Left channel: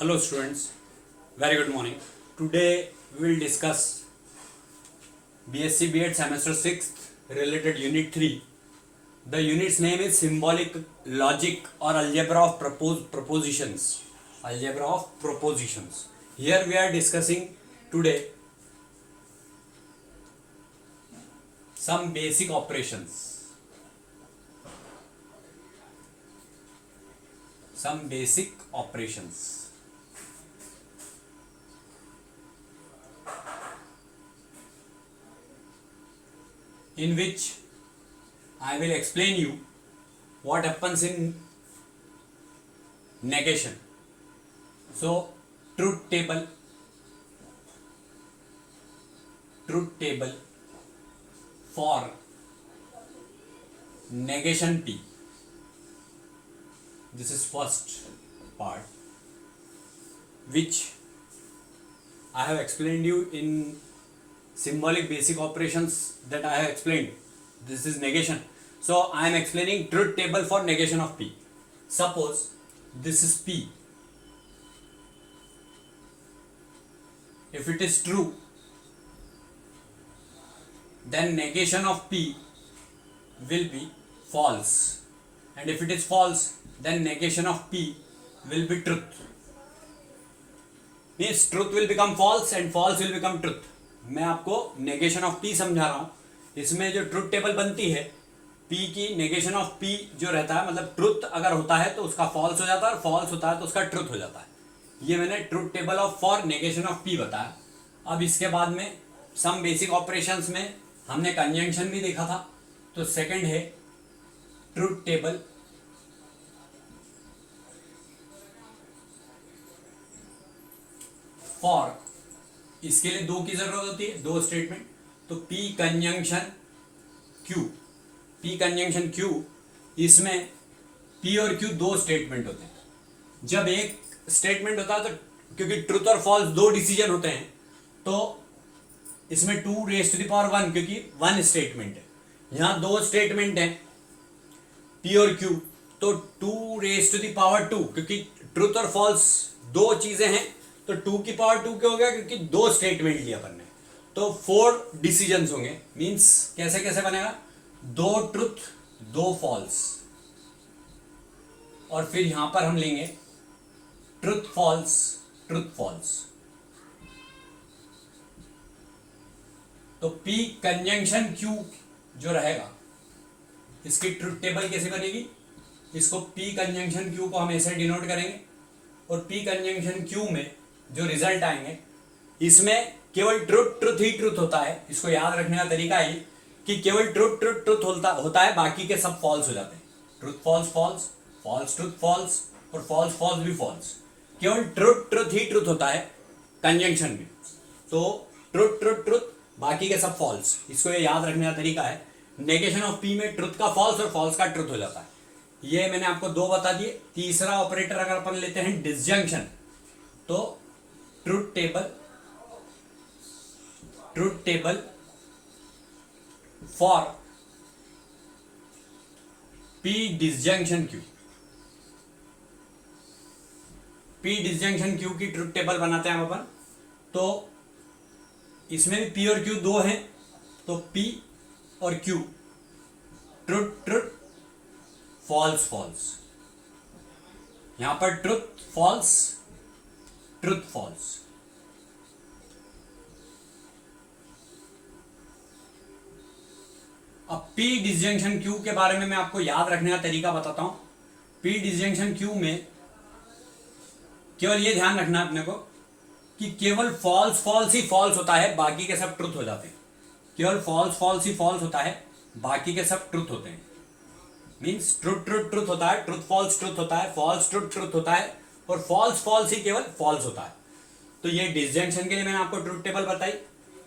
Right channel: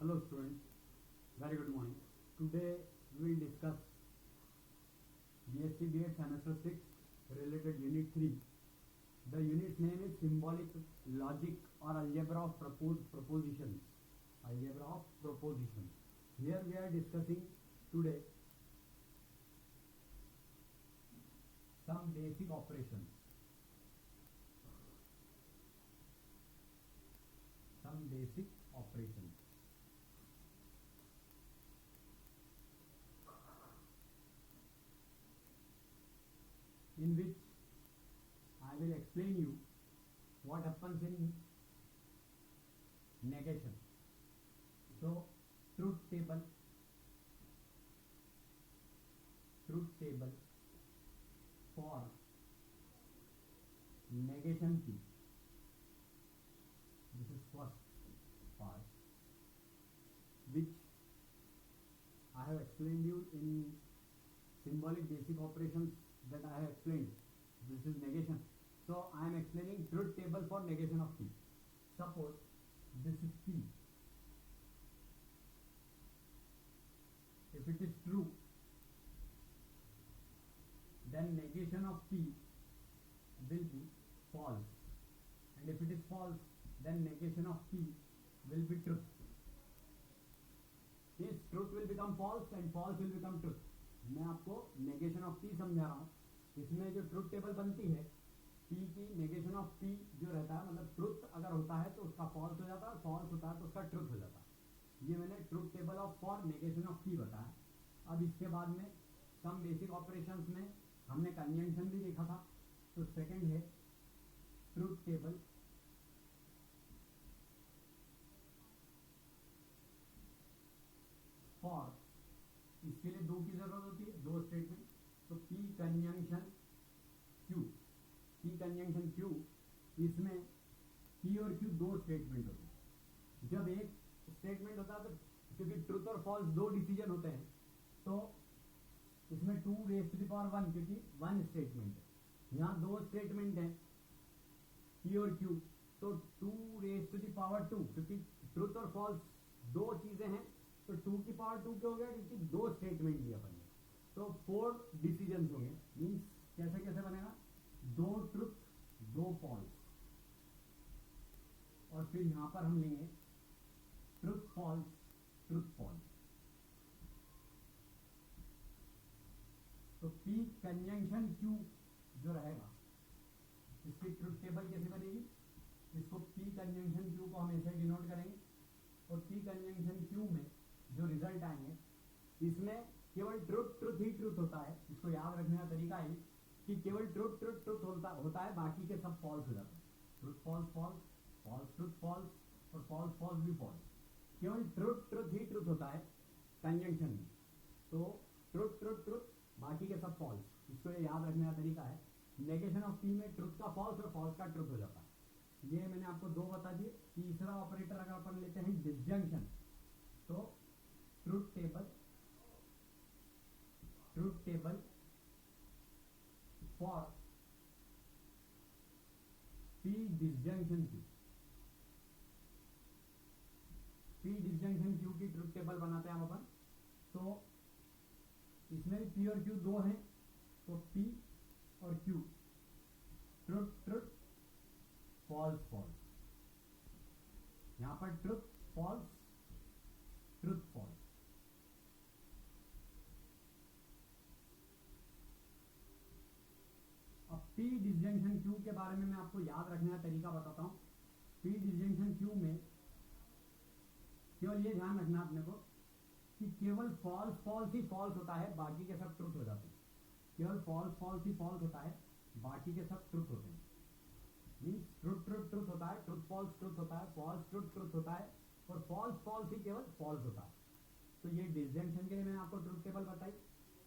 Hello students, very good morning. Today we will discuss BSc B.Ed semester 6th related unit 3. The unit's name is symbolic logic or algebra of propositions. Algebra of propositions. Here we are discussing today some basic operations. Some basic operations. In which I will explain you what happens in negation. So truth table for negation P. This is first part which I have explained you in symbolic basic operations that I have explained. This is negation. So I am explaining truth table for negation of P. Suppose this is P. If it is true, then negation of P will be false. And if it is false, then negation of P will be truth. Means truth will become false and false will become truth. मैं आपको negation of P समझा रहा हूं. इसमें जो truth table बनती है P की, नेगेशन ऑफ पी जो रहता है, मतलब ट्रुथ अगर होता है तो उसका फॉल्स हो जाता है और फॉल्स होता है तो उसका ट्रुथ हो जाता है. ये मैंने truth table of for negation of P बताया. अब इसके बाद में सम बेसिक ऑपरेशंस में हमने कंजंक्शन भी देखा था. तो सेकंड है ट्रुथ टेबल फॉर. इसके लिए दो की जरूरत होती है, दो स्टेटमेंट. तो P conjunction Q, P conjunction Q, इसमें P और Q दो स्टेटमेंट होते हैं. जब एक स्टेटमेंट होता है तो क्योंकि ट्रूथ और फॉल्स दो डिसीजन होते हैं तो इसमें 2 रेज़ टू द पावर 1 क्योंकि वन स्टेटमेंट है. यहां दो स्टेटमेंट है P और Q, तो 2 रेज़ टू द पावर 2 क्योंकि ट्रूथ और फॉल्स दो चीजें हैं तो 2 की पावर 2 क्या हो गया क्योंकि दो स्टेटमेंट लिया अपन ने. तो 4 डिसीजंस होंगे. मींस कैसे कैसे बनेगा, 2 ट्रुथ 2 फॉल्स और फिर यहां पर हम लेंगे ट्रुथ फॉल्स ट्रुथ फॉल्स. तो P कंजंक्शन Q जो रहेगा इसकी ट्रुथ टेबल कैसे बनेगी, इसको P कंजंक्शन Q को हम ऐसे डिनोट करेंगे और P कंजंक्शन Q में जो रिजल्ट आएंगे इसमें केवल ट्रुथ ट्रुथ ही ट्रुथ होता है. इसको याद रखने का तरीका है कि केवल ट्रुथ ट्रुथ ट्रुथ होता है, बाकी के सब फॉल्स हो जाते हैं. Truth false false, false truth false और फॉल्स फॉल्स भी फॉल्स. केवल ट्रुथ ट्रुथ ही ट्रुथ होता है कंजंक्शन में. तो ट्रुथ ट्रुथ ट्रुथ, बाकी के सब फॉल्स. इसको ये याद रखने का तरीका है. नेगेशन ऑफ पी में ट्रुथ का फॉल्स और फॉल्स का ट्रुथ हो जाता है. ये मैंने आपको दो बता दिए. तीसरा ऑपरेटर अगर अपन लेते हैं डिसजंक्शन, तो truth table for P disjunction Q. P disjunction Q की ट्रुथ टेबल बनाते हैं हम अपन. तो इसमें भी P और Q दो हैं तो P और Q truth truth false false. यहां पर ट्रुथ फॉल्स ट्रुथ फॉल्स. अब P डिसजंक्शन Q के बारे में मैं आपको याद रखने का तरीका बताता हूं. P डिसजंक्शन Q में केवल ये ध्यान रखना अपने को कि केवल फॉल्स फॉल्स ही फॉल्स होता है, बाकी के सब ट्रुथ हो जाते हैं. केवल फॉल्स फॉल्स ही फॉल्स होता है, बाकी के सब ट्रुथ होते हैं. मींस ट्रुथ ट्रुथ ट्रुथ होता है, ट्रुथ फॉल्स ट्रुथ होता है, फॉल्स ट्रुथ ट्रुथ होता है और फॉल्स फॉल्स ही केवल फॉल्स होता है. तो ये डिसजंक्शन के लिए मैंने आपको ट्रुथ टेबल बताई.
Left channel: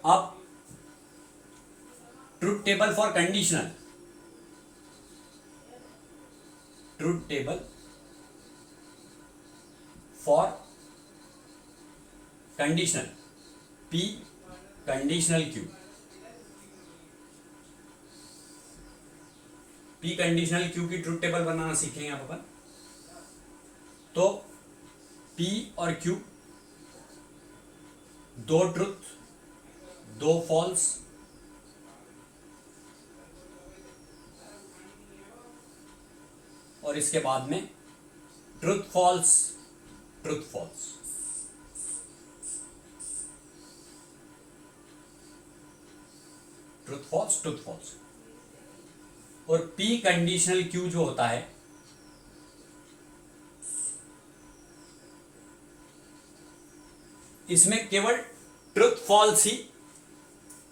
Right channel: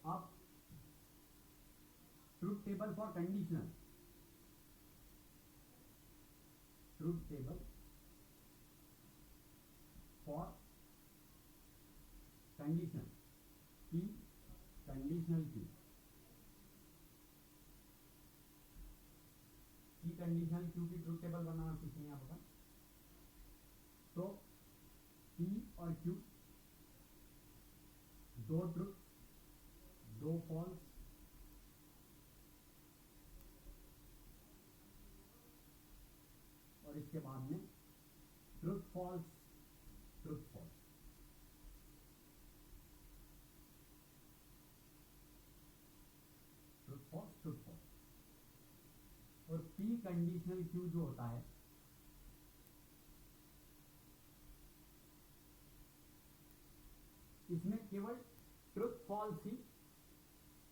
अब truth table for conditional, truth table for conditional P conditional Q. P conditional Q की ट्रुथ टेबल बनाना सीखेंगे आप अपन. तो P और Q, दो ट्रुथ, दो फॉल्स, और इसके बाद में truth false, truth false. Truth false, truth false. और P कंडीशनल Q जो होता है, इसमें केवल ट्रुथ फॉल्स ही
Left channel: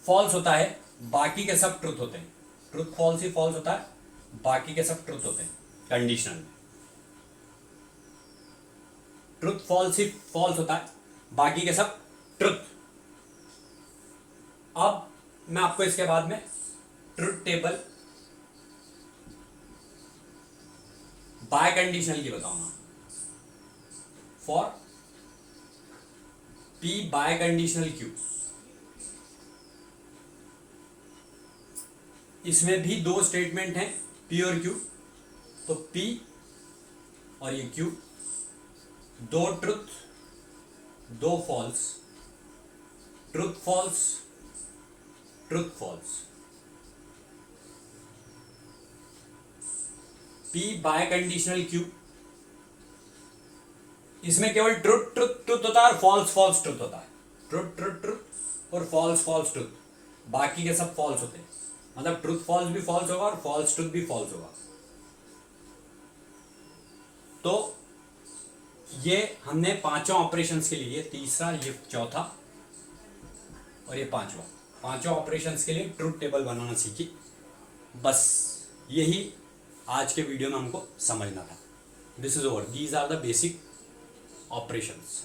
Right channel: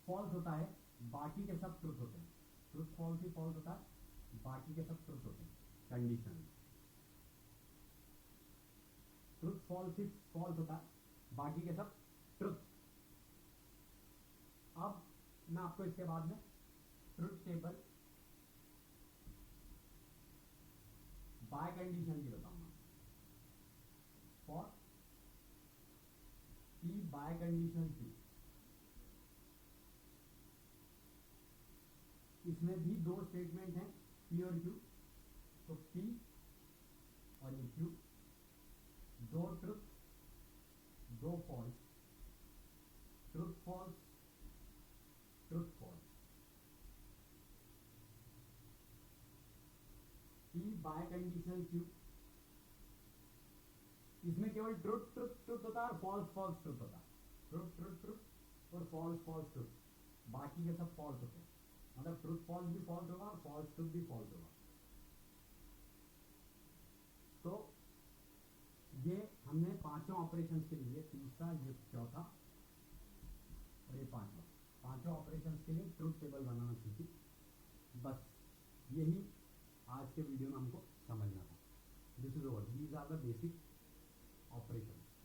फॉल्स होता है, बाकी के सब ट्रुथ होते हैं। ट्रुथ फॉल्स ही फॉल्स होता है, बाकी के सब ट्रुथ होते हैं कंडीशनल में। ट्रुथ फॉल्स ही फॉल्स होता है, बाकी के सब ट्रुथ। अब मैं आपको इसके बाद में ट्रुथ टेबल बाय कंडीशनल की बताऊंगा। For P biconditional Q, इसमें भी दो स्टेटमेंट हैं, P और Q। तो P और ये Q, दो ट्रुथ, दो false, truth false, truth false. P biconditional Q, इसमें केवल ट्रुथ ट्रुथ ट्रुथ होता है और फॉल्स फॉल्स ट्रुथ होता है। ट्रुथ ट्रुथ ट्रुथ और फॉल्स फॉल्स ट्रुथ, बाकी के सब फॉल्स होते हैं। मतलब ट्रुथ फॉल्स भी फॉल्स होगा और फॉल्स ट्रुथ भी फॉल्स होगा। तो ये हमने पांचों ऑपरेशंस के लिए, तीसरा, ये चौथा और ये पांचवा, पांचों ऑपरेशंस के लिए ट्रुथ टेबल बनाना सीखी। बस यही आज के वीडियो में हमको समझना था। This is over, these are the basic operations.